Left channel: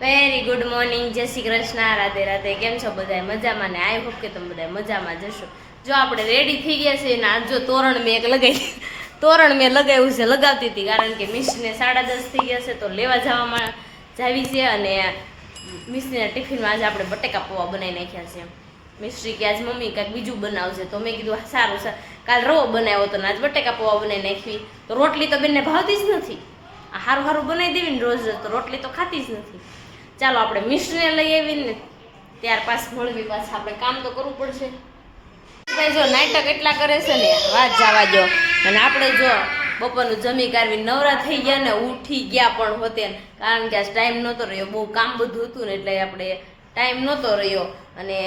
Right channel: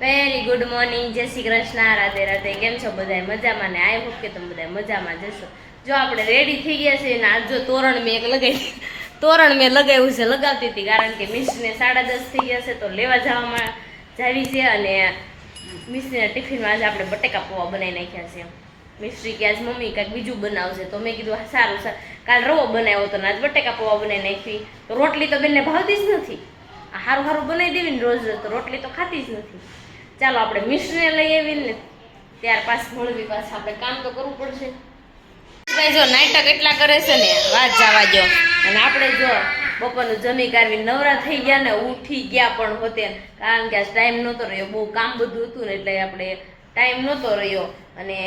Very good morning, જય શ્રી કૃષ્ણ, રાધે રાધે. કેમ છો બધા? મજામાં ને? આઈ હોપ કે તમે બધા મજામાં જશો. જો આપણે રેડી થઈ ગયા છે ને આજ જો તોરણ મેં લગાવ્યું છે, લગાવતી હતી કારણ કે મિસ્ટને 10:30 થઈ ગયા છે તો લેવા જવામાં જાવી છે. અને મિસ્ટરીના ટિફિનમાં આજે આપણે બટેકા પૌવા બનાવી નાખ્યા છે. મિસ્ટરી કે આજ મમ્મી કાંઈક બીજું બનાવશે તો મેં કીધું સારું કાલ રવો બનાવ્યો હતો ને આજ બટેકા પૌવા બનાવી નાખવી. તો રોટલી તો બેનને ભાવતી જ નથી. આ સારું બનાવી દેવી ને રોજ રોજ તો રોટલી તો ખાતી જ નથી. ચાલો આપણે મિસ્ટરીને લઈ આવીને ત્યાર પાછું મળવી, પાછું આપણે કામ તો કરવું પડશે. ભાઈ જો નાટક એટલા કરે છે ને વાત જવા દો. અને આપણે જો બપોરનું જમી કાઢવી નવરા થઈ ગયા ને ઉઠી ગયા પણ હોતે, કારણ કે આજ ટાઈમ નહોતો રહ્યો, બહુ કામ બધું હતું ને એટલે આપણે ટાઈમ નહોતો રહ્યો. અને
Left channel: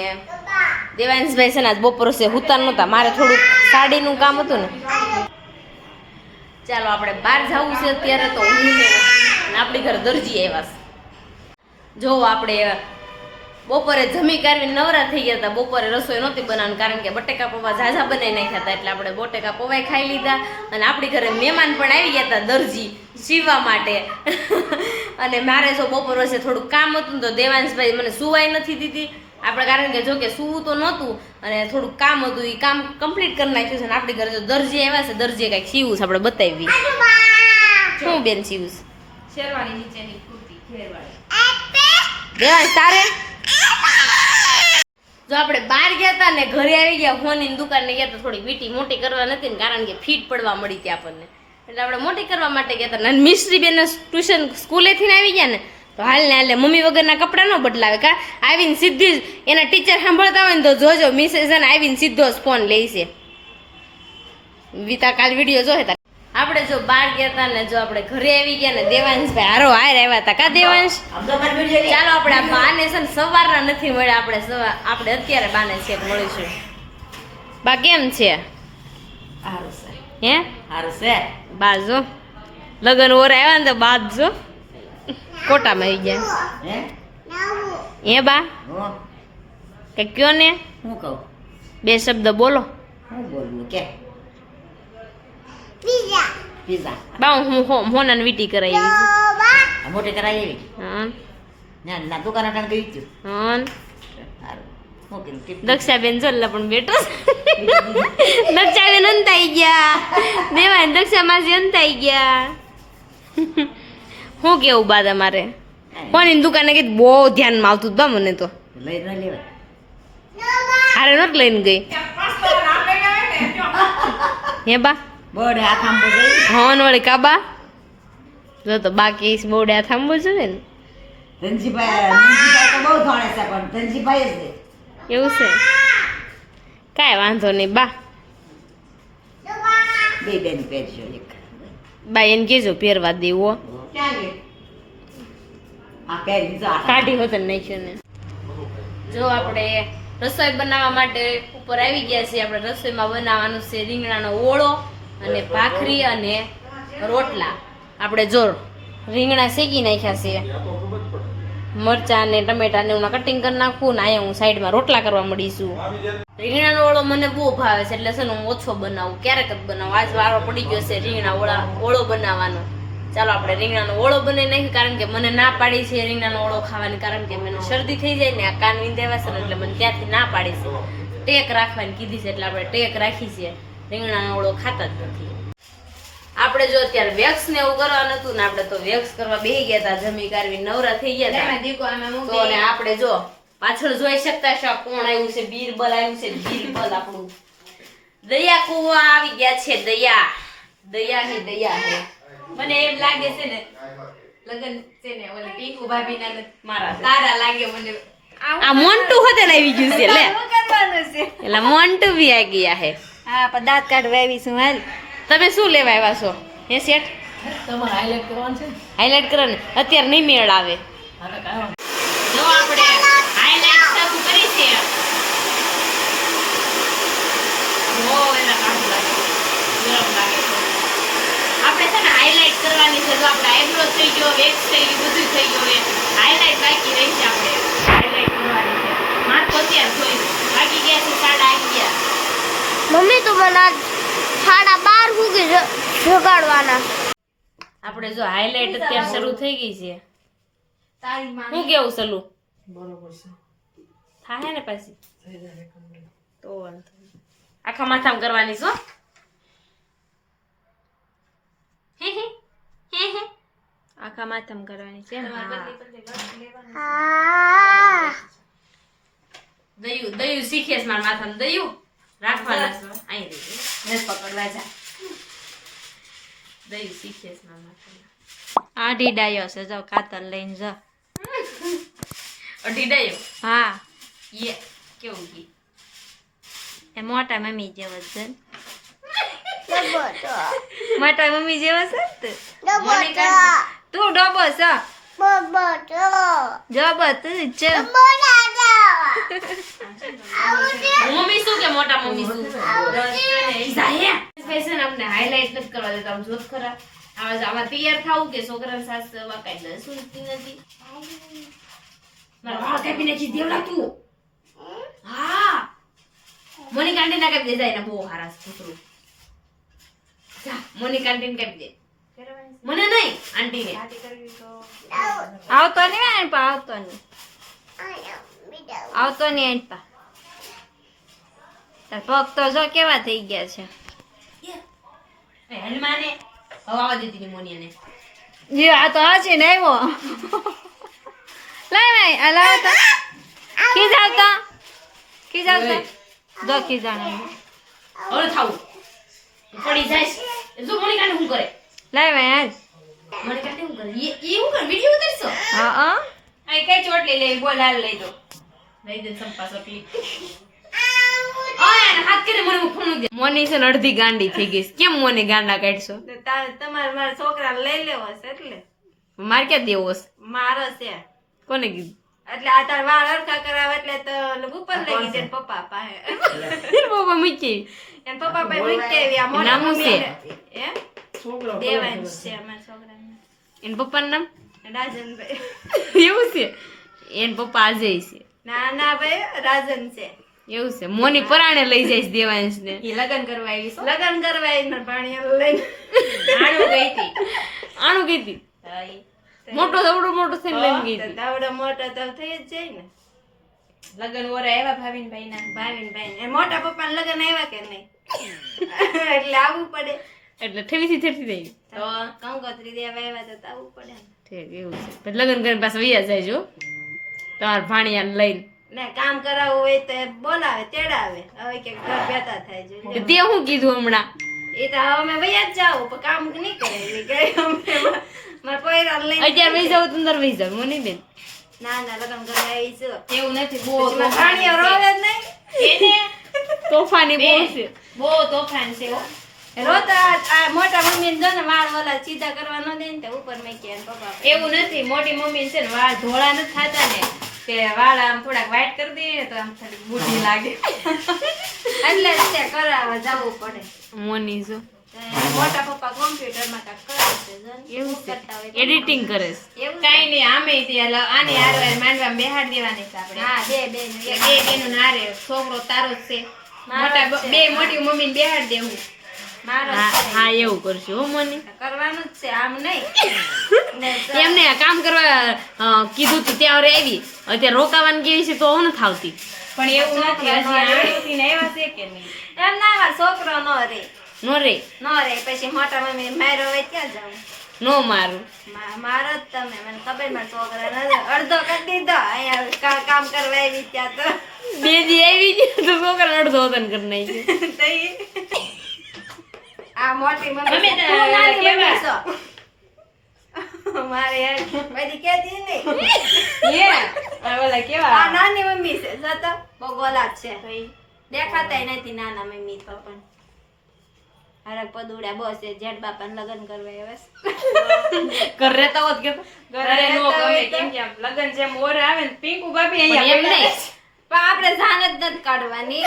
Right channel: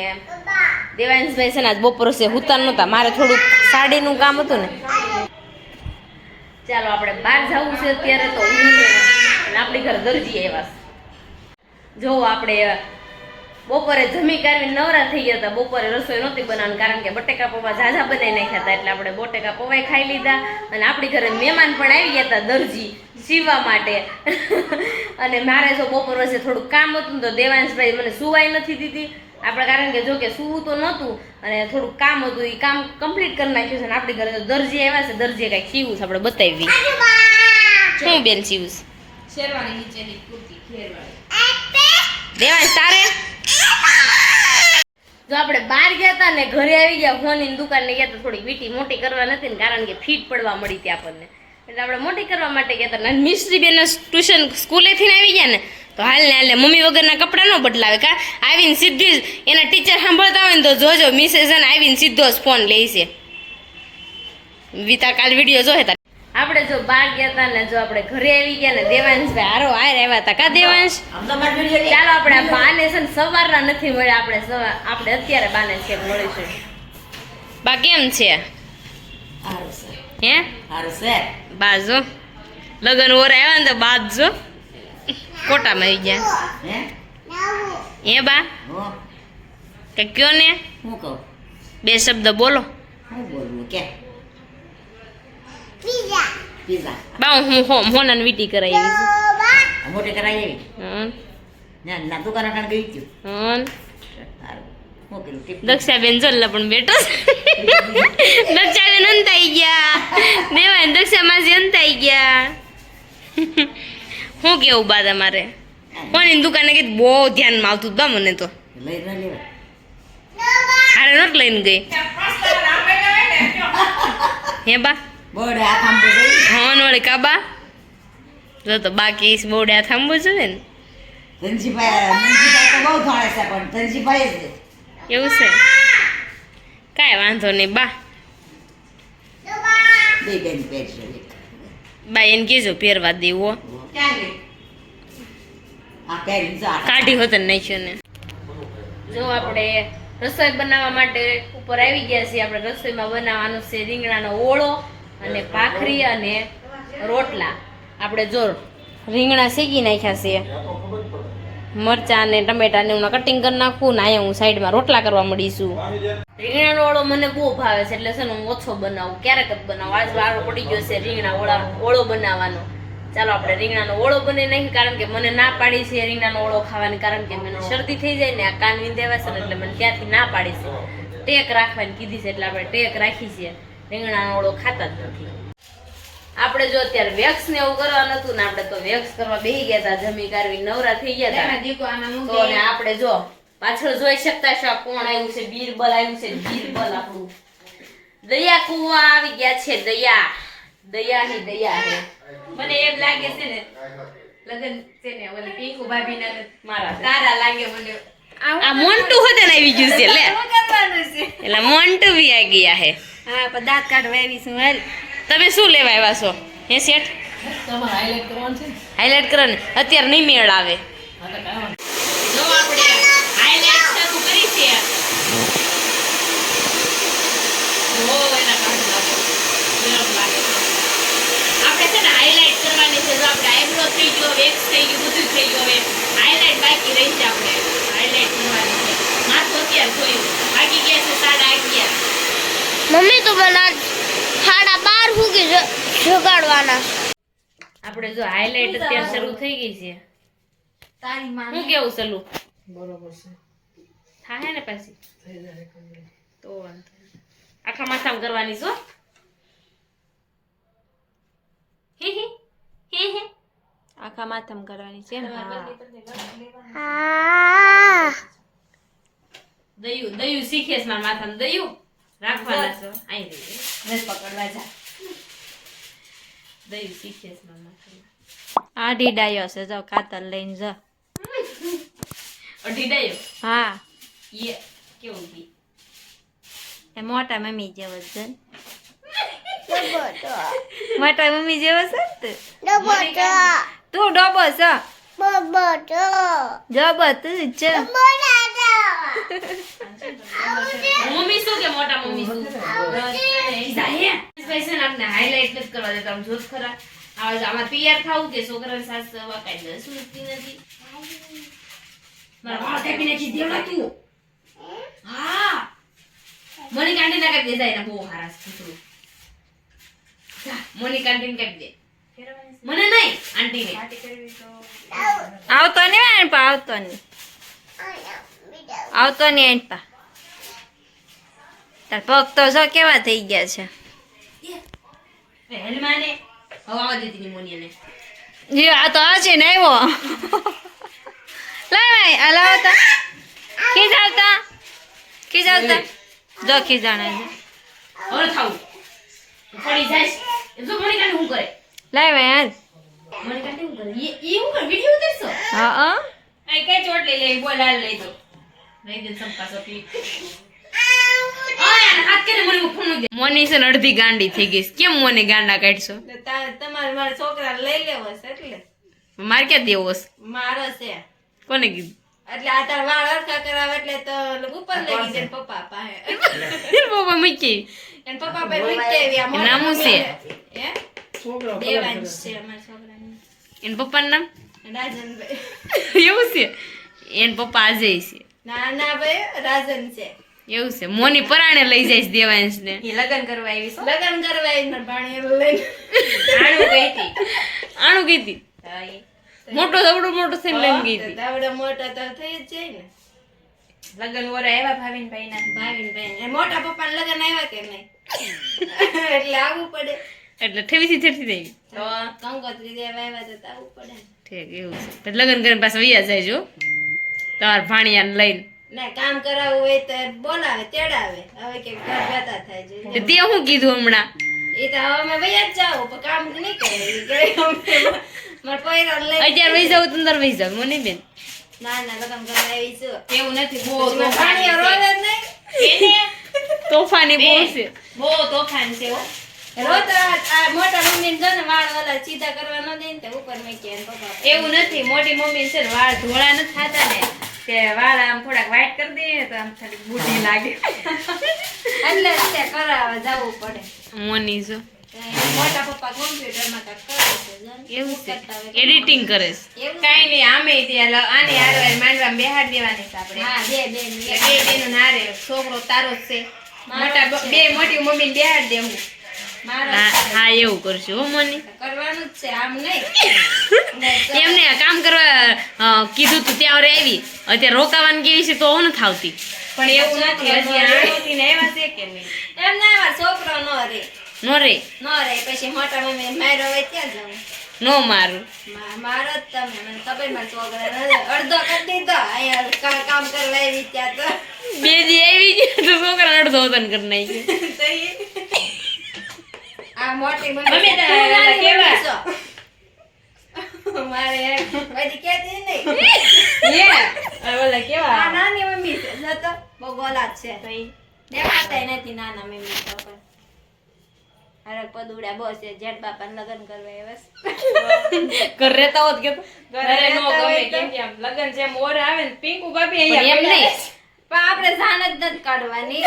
દેવાંશભાઈ છે ને આજ બપોર છે હુતા નહોતા, મારે થોડુંક સાડીનું કામ હતું ને. ચાલો આપણે બહાર જવું છે અત્યારે તો હું ને અને આપણી ઘર દરજી આવ્યા છે. જો આપણે બપોરે જમી કાઢવી નવરા થઈ ગયા હતા. બપોરે રસોઈ નહોતી બનાવવાની કારણ કે બટેકા પૌવા ઝાઝા બનાવી નાખ્યા હતા એટલે આપણે બટેકા પૌવા ખાઈ લીધા. અને આપણી ઘરે મહેમાન પણ આવી ગયા હતા દરજી સીવવા માટે. અને મારે જો બપોર વચ્ચે થોડુંક કામ હતું તો દેવાંશભાઈ મને સુવાઈ નથી દીધી આપણે, કારણ કે જો કે સુવું તો નહોતું અને થોડુંક કામ હતું, એ કામ કમ્પ્લીટ કરી નાખ્યું છે. અને આપણી ઘરે તો દરજી આવ્યા છે, દરજીએ કાંઈક સીવું છે, આપણે બતાવી. શું બેન સીવું છે? શેરવાણી નીચેની કુર્તી ખેરવાળી. દેવાંશ તારે જો આપણે બહાર ગયા હતા ને ઘરે આવી ગયા, હોની દુકાને ગયા તો થોડી વીટી મોટી કરવા નથી ને કારણ કે ફીટ પડવા મળી હતી આપણને, એટલે આપણે મોટી કરવા માટે ગયા હતા. મિસ્ત્રી બેન ટ્યુશન સ્કૂલેથી આવી ગયા ને તો હાલ ને હાલે મમ્મી વગરના કપડાં ન બદલાવે કા, આવીને સીધી જ એના ટીચર સાંભળતા હોય ને તો જોજો મિસેસ આવીને સીધો જ ફોન લે છે. વિતા કાલ વિડીયો જોહે તા. આપણે જો બહાર ગયા હતા ને જો આપણે ઘરે આવી ગયા ને દેવાંશભાઈ હારો હાર આવ્યા હતા કા દેવાંશ? ચાલો આપણે આ બાને છે ને સવારના નથી મળ્યા, આપણે અત્યારે બાને છે મળીશું. બા કેમ છે? હે બા જો લગન ઓર આવ્યા ને તો બાદ જો કોટામાં આવી ગયા. હે બા કે કયો ને હું કહું બે શબ્દ બોલો. હું બોલવું કે પીઝા બા હું હોનાને વીટી કરાવી છે. મોટી કરાવી હા ના દુકાન અટાણ ગઈ છું. હા સારું હું કીધું દક્ષાબેન જોલ્લા પણ બેઠો દક્ષાબેન અંતાઈ ગયા, દેવાય દક્ષા માસી અંતાઈ ગયા. શું કેવું બા તમારે? કોની દુકાને કીધું બહુ ધ્યાનમાં આવતું બા મને તો લઈ ન લેવાય. હારે નથી લઈને ગઈ. હે બા બોર્ડ હાથ આંબો જઈ હા વળી કાબા જો તો બાકી બોર્ડે હાથ આંબો જોઈએ ને. ધનજીભાઈ તો બહુ ધોણે છે પણ ધનજીભાઈ જ છે. એવું છે કાંઈ વાંધો નહીં બા. બે બેન પહેરશો એક બા એને કહેજો પહેરવા દેવો. ક્યાં ગઈ? આ પહેરી જો કાઢી હોત નાખ્યો ને. જો આપણે રસોઈ બનાવવા માટે ઉપર આવી ગયા છીએ. આપણે રસોઈમાં બનાવવાનું છે રીંગણાનો ઓળો અને ભાખરી અને રોટલા. આપણે જો રીંગણા શેકી નાખ્યા છે, મરચાં ને ટમેટા ને હું કટિંગ કરી નાખું ને અહીંયા હું સાઈડમાં રોટલા કરવા મળીશું. રીંગણાનો ઓળો મને બહુ ભાવે છે એટલે છે ને હું ઓછો બનાવું, ક્યારેક જ બનાવું. આજ વારો પડી ગયો છે રીંગણા ઓળો બનાવવાનો. ચાલો આપણે રીંગણાનો ઓળો બનાવી નાખ્યું કારણ કે મને ના પાડી છે રીંગણાનો ઓળો ખાવાની, કારણ કે મને શરદી થઈ જાય ને આ કાન વિંધાવા છે એટલે મને ત્યાંથી ના પાડી છે, ટેક રાખવાની કીધી છે એટલે આપણે ટેક રાખી છે. રીંગણાનો ઓળો ખાતા જ નથી. આપણે જો અત્યારે વેક્સ ને એવું કરવાનું હતું ને આપણે તો વેક્સ કરવા બેસી ગયા હતા, જમી કાઢવી નવરા થઈ ગયા હતા. તો ને આપણે જો પાછળ જોઈ શકતા છો કોણ આવ્યું છે, બીરબલ આવ્યું છે. બીરબલ આપણું દયા કુવા આવી ગયા છે. દયા હે મને એમ લાગે છે ને લગન છે ને ઓલી પીકુ ભાભી ના મારા તારા લાગે મને. આ મોન્ટુ હોતે ને આવી ગયું છે લે કરવાનું છે એટલે મોન્ટુ બી આવી ગયા હે. હા પણ દાંત કાઢવા આવી છું. હાલ તમે શું લેવા આવ્યા છો? હે શેઠ તમારે હાઈલાઈટ કરવાનું છે. હાઈલાઈટ કરો ને અત્યારે નહીં મેળ આવે. જો આપણે હાઈલાઈટ શરૂ કરી છે. ઓ એના કામ લાગે ગરમ લાગે છે. આપણે છે ને હાઈલાઈટ કરવાની છે. જો આપણે આઈબ્રો થઈ ગયો, વેક્સ થઈ ગયું, બધું થઈ ગયું, હવે હાઈલાઈટ બાકી રહી છે. આપણે હાઈલાઈટ કરવાની છે. માથું અત્યારે જોયું બાકી ગયા છે 11:30. મમ્મી તો મને 12:30 સુધી જગાડવાના. આપણે જો હાઈલાઈટ અત્યારે શરૂ થઈ ગઈ છે તારી માં હું કેવું સલું બરોબર છે થાય ને પાછી થઈ જાય complete. તો વાંધો નહીં. આખા માથામાં કરવાની છો હે હે હે હે આખા માથામાં કરવાની છે ને દયું દયું શીખે છે મારા માથામાં દયું રાખવાના છો અહીં રહી બસ પકડવા જા દયું શીખે છે મારા માથામાં આઢી ડાયો છે જો કાતર લઈને જો અઢી દયું હા યે કેવું ગઈ એ મોટા મમ્મી જેવો જ છે ને. મોટા મમ્મી જેવો છે ને તું મને કાંઈ તું ડોબો છો જબો તું જ છે મમ્મી શું કે મોટા મમ્મી શું જાય સ્પેશિયલ આપણે હાઇલાઇટ નથી કરવા દેતા આમ જોત ખરા આમાં તૈયાર થાવું કે છોકરાને સાસ વાકાઈ દે સુનતી નથી મારા વાળ કાપી નાખી દેવડા તું હા મને કાંડી ના કાપી દે જાય ને બહુ હારા કૂતરું જા મને કાંડી કાપી દે મને નહીં આંટીને આવતો નહીં એનપા આવતો નહીં એનપા તાર પગ તો જો કેવા થઈ ગયા છે હેલમાને હવે આવા દેતી ની મોનીને જી આ તો હજી ને આવ્યો લાય ભાઈ આ લાવો તો ખીજાવતા જો ખીજાણા હવે થાવું પડી જાય જો મને કાંડી હું કરે લાય ભાઈ હાલ મને કાંડી હું કરે એ હું કરે વિડિયો ઉતારશો હા આ કઈ ચોટ લઈ લે બોલ હાલ લઈ દો લઈ દે સંપા સપલી ઓય હાથ કરીને મને ફોન દે મોની છે ને અડધી ગાંડી થઈ ગઈ છે. કેમ મોને ગાંડા કાઢશો તમારે મારા છોકરા લઈ લેવો છે એટલે માર ક્યાં દેવો છે? મારો છે કોને કીધું એટલે આ તાર વાળ અરખા કરાવે એટલે તો ઉપર લઈ ગઈ છે પપ્પા પાસે બાબા મૂકી એન પપ્પા પાસે મૂકી આવી આ મોટા નામું છે? હે છોકરો દેવાંશ છે અમારા છોકરાને એન પપ્પાનું નામ રાજનભાઈ એવું છે એન પપ્પા આજે છે ના ના ભાઈ રાજન છે એવું છે મોની પરાણે લઈ જાય છે દેવાંશ ને એ લગન કરવા આવી લગન કરવા આવી મારા ભાણિયાને લઈને આણું ગઈ હતી મોટો દવડો મોટો થઈને લઈને ગઈ હતી તાવડો મોટો તો થઈ જ જાય ને લગન વરા આવ્યા ભાવિનભાઈ ના મોટા પપ્પાને લગન આવ્યા કે નહીં એટલે આવવું પડે એટલે ઠેવીથી થેરથી થઈ ગઈ તો કંકોત્રી દેવા આવ્યા તો આવવું પડે ને. ઠીક એવું છે પછી લગ્ન કરીને પાછા વૈયા જાય જો તમારા ભાણિયાને લઈને ને કામ કરાવવું હોય તો બોલાવે તેડાવે હવે કે ઘર બેઠા થાય છે તો તે શું કીધું હમણાં એ તો હવે અમે વૈયા જ જાવ પણ કામ નહીં કરે મારા પૈરા લઈ અત્યારે વહી જાવ તો અંદર વહી જાવ મને બેન ના ના લગન કરવા આવી છું એવું નથી બહુ ભાણિયા રોવે જ નહીં તોફાની બહુ છે બહુ તોફાન છે હો રોતા આ મોટા મમ્મી જો ને વાળ ઓલા સીધા કરવા ન દે ને તે ઉપર મૂકી અને પપ્પા એવું નથી મોટી મમ્મી છે ને વાળ ધોળા નથી થતા ને તે વાળ આમ થોડાક વ્હાઈટ કરી દે તો આમ થોડી બુઢી લાગે એટલે જ તે કરાવવા જવું પડે મોની જો મોટા પપ્પા કોમ્પ્યુટરમાં કાંઈક કરે છે જો ને. એવું છે કરતા હોય. એડિટિંગ કરે છે એવું છે? કાઈ નહીં આમે ત્યાં આને હારવાર માંડવામાં બેહાડ દેવાની છે આપણે હા બે બે એટલે બે બેનું નારે છોકરો તારો જ છે મારો જ મોટા છે. બે મોટી મમ્મીને બેહાડ દેવું મારો હા એવું કરશું હો મોની કરવાનું જ છે આમ નહીં ને તો એમને આ કામ કરવા કીધું તું ત્યાં આવી અત્યારે રોકાવાની કેવી છે તો હું નથી આવતી પણ એવું નથી હજી આણોથી ને આવ્યા છે કે નહીં એમ ના એવા છોકરો નો રે નો રે પછી મોટા મમ્મી મારો હોય ક્યાં જાઉં નો મારું મારો જ તમે મને ખબર મારા છોકરા અડધો કરી દીધો અહીંયા કામ કરવા આવી ત્યાં તો બે દી આવી ગયો તો છોકરા અડધો વતન કરી નાખ્યો તો ઈ. આ મોટી મમ્મી મમ્મી તું તારા નાની કેવા? મમ્મી છો. મારે બધી કેતી નહીં ઓલા આ નાની મમ્મી છે જો તો બહુ ગોલાત છે દેખાતાય નથી નાના મમ્મી તો પણ અરે પદુડા બોસ છે જેઠ બાપાને લગ્ન કરવા આવ્યા છે. ઘર રહેતા હોત કે ઘરે ઘરે નો રહેતા હોય ગમે તો? કેમ કે આમ લગન જેમ ઓર આવે ને પિંકુ ભાભી પણ અહીંયા એમ નહીં. પહેલા પણ આપણે જાન જ નથી કાઢવાની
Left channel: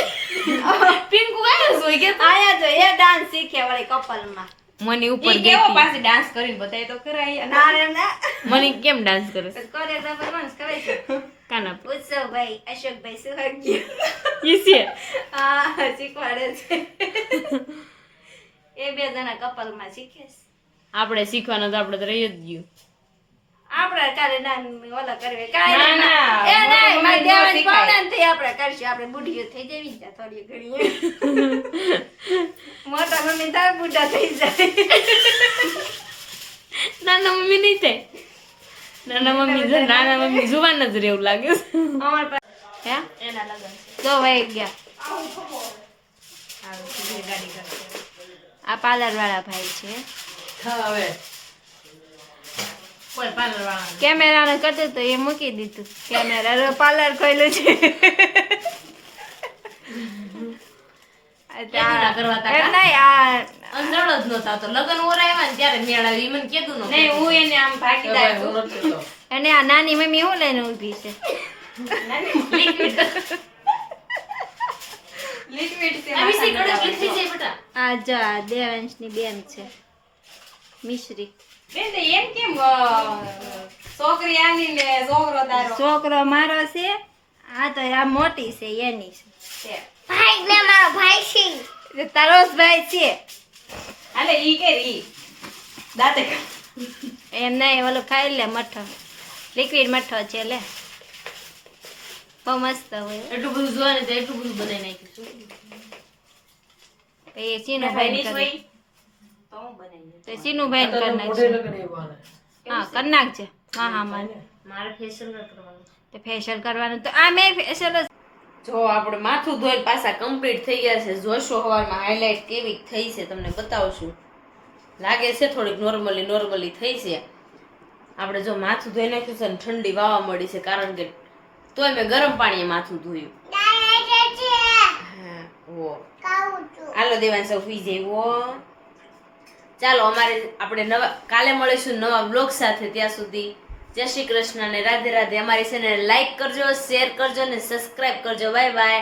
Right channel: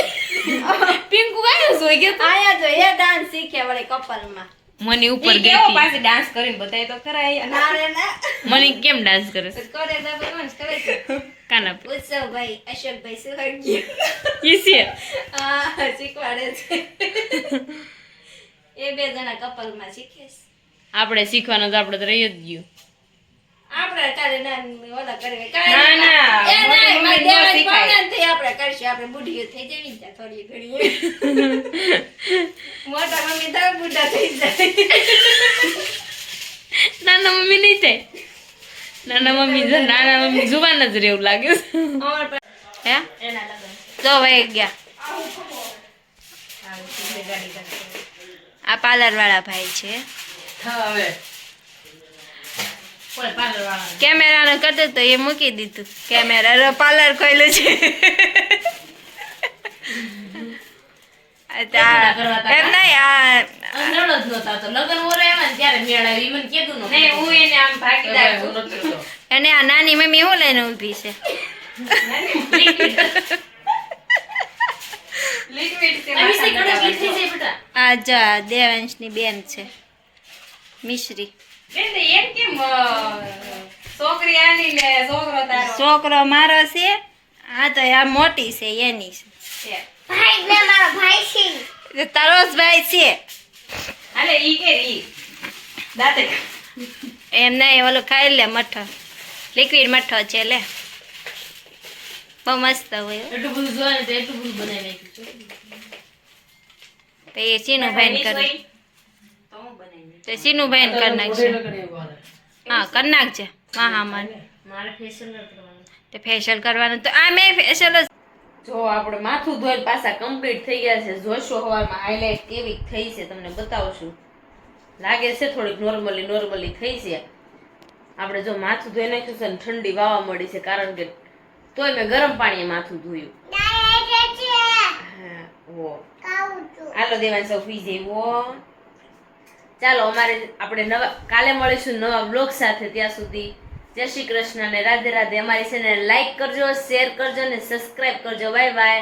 પિંકુ ભાભી સોઈ ગયા આયા જો એ ડાન્સ શીખે વળી કપલમાં મને ઉપર ગઈ હતી પાછી ડાન્સ કરીને બતાય તો ખરા ના રે ના મને કેમ ડાન્સ કરે છે કોરિયોગ્રાફર કોણ છે ખબર છે કાના ઉત્સવભાઈ અશોકભાઈ સુહાગી ઈસે હા શીખવાડે છે એ બે જણા કપલમાં શીખે છે આપણે શીખવાનું તો આપણે તો રહી જ ગયું આપણે કાલે ઓલા કરવે ના, કાલે ના, એ મોટા નહીં મારે મમ્મી નો દેવાજ શીખાય. પાવનાથી આપણે કરશું આપણે બુઢીઓ થઈ જવી ને ત્યાં થોડી ઘણી મોટા મમ્મી તાર બુઢા થઈ જાય નાના મમ્મી નહીં થાય. નાના મમ્મી જુવાન જ રહેવું લાગ્યું. અમાર પાસે હે એના લગન છે. તો વહી ગયા. આ પાર્લર વાળા ભાઈ છે કેમેરાનું કરતું તો એ મૂકી દીધું કેમેરા પાર્લર ખોલ્યું છે એમ નહીં આ અંધળો જ નહોતા તો લગન ઓરાવ્યા ને ત્યારે મેળ આવી. ઈ મને કીધું નહોતું. નહીં હું એને આમ ભાગીદાર અને આ નાની મમ્મી શું લઈને ઊભી છે અભિષેક ગણેશ લીધી છે બેટા. આ જા દેવાંશની બેન છે મિશ્રી એમ કેમ છોકરી આની ને છોકરો તારો? છોકરો મારો છે આ તો આ મોટી છે એની છે તારો જ ભાઈ છે હાલે ઈ કે ઈ દાંતે એમ નહીં ઓલું ખાઈ લે મઠો લિક્વિડ મઠો છે લે બહુ મસ્ત હોય હો. એટલું બધું જોવે ને તો એટલું બધું બનાવી નાખ્યું છે. તો એ સીનુભાઈ ને કરે તો હું બનાવી તો સીનુભાઈ ને કરી નાખશે હા કરી નાખજે હા હા મને મારે ફેશિયલ કરવાનું. તો ફેશિયલ કરવાનું તો આ મેં ફેશિયલ જો આપણે માથું ધોઈને પાછા કમ્પ્લીટ થઈ ગયા છે. જોશો હવામાં હાઇલાઇટ કેવી થઈ છે તમને બતાવશું. લાગે છે થોડીક નોર્મલી થઈ છે. આપણે જો માથું ધોઈ નાખ્યું છે ને ઠંડી વાવા મળી છે કારણ કે તોય મેં ગરમ પાણીએ માથું ધોયું. હા ઓ હાલો દેવાન સૌ સુઈ જઈવો. ચાલો આપણે કાલે મળીશું નવા બ્લોગ સાથે. ત્યાં સુધી જય શ્રી કૃષ્ણ ને રાધે રાધે. અમારી ચેનલ લાઈક કરજો, શેર કરજો ને સબસ્ક્રાઇબ કરજો. Bye bye.